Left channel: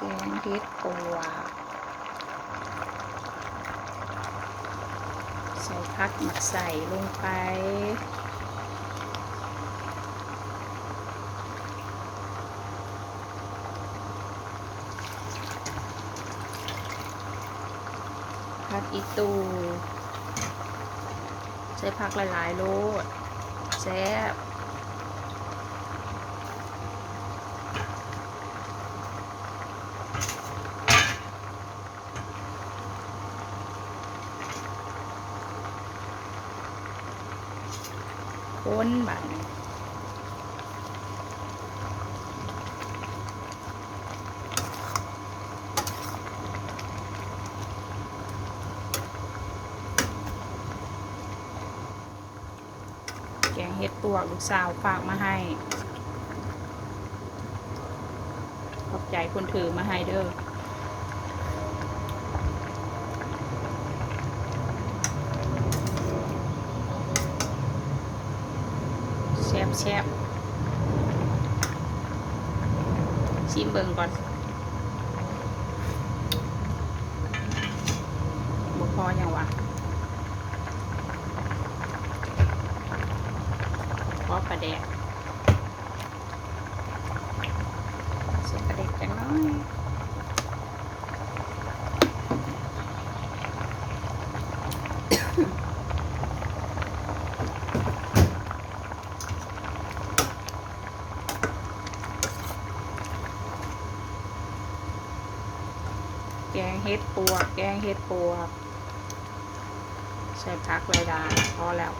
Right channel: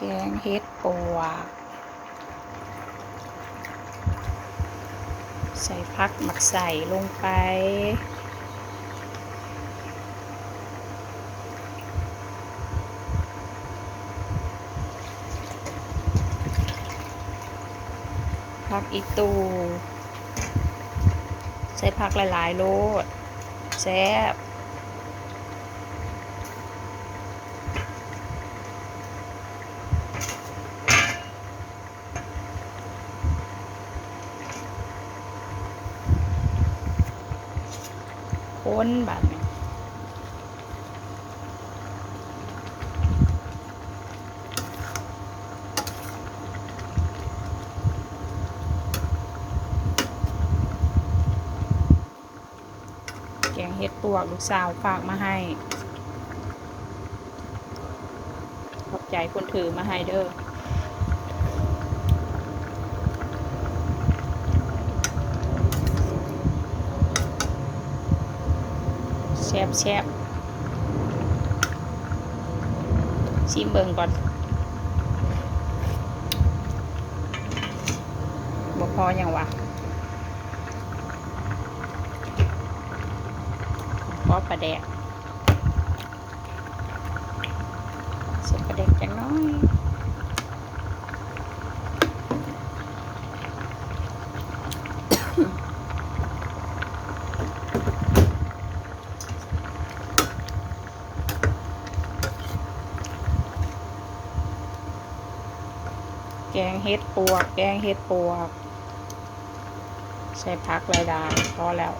แกงเห็ดปวกใส่ผักหมักใส่ลงไปผักอีตูใส่ผักหลายๆโลดแซ่บคนบัดแกงเห็ดปวกลูกสาวฝากมาให้ขอบใจคนถือมาให้เด้อแซ่บแซ่บชิมเบิ่งก่อนบ่พอยังวะพอปลาแดกใส่ปลาแดกจังน้อยแกงเห็ดปวกใส่ผักหลายๆพอแล้ว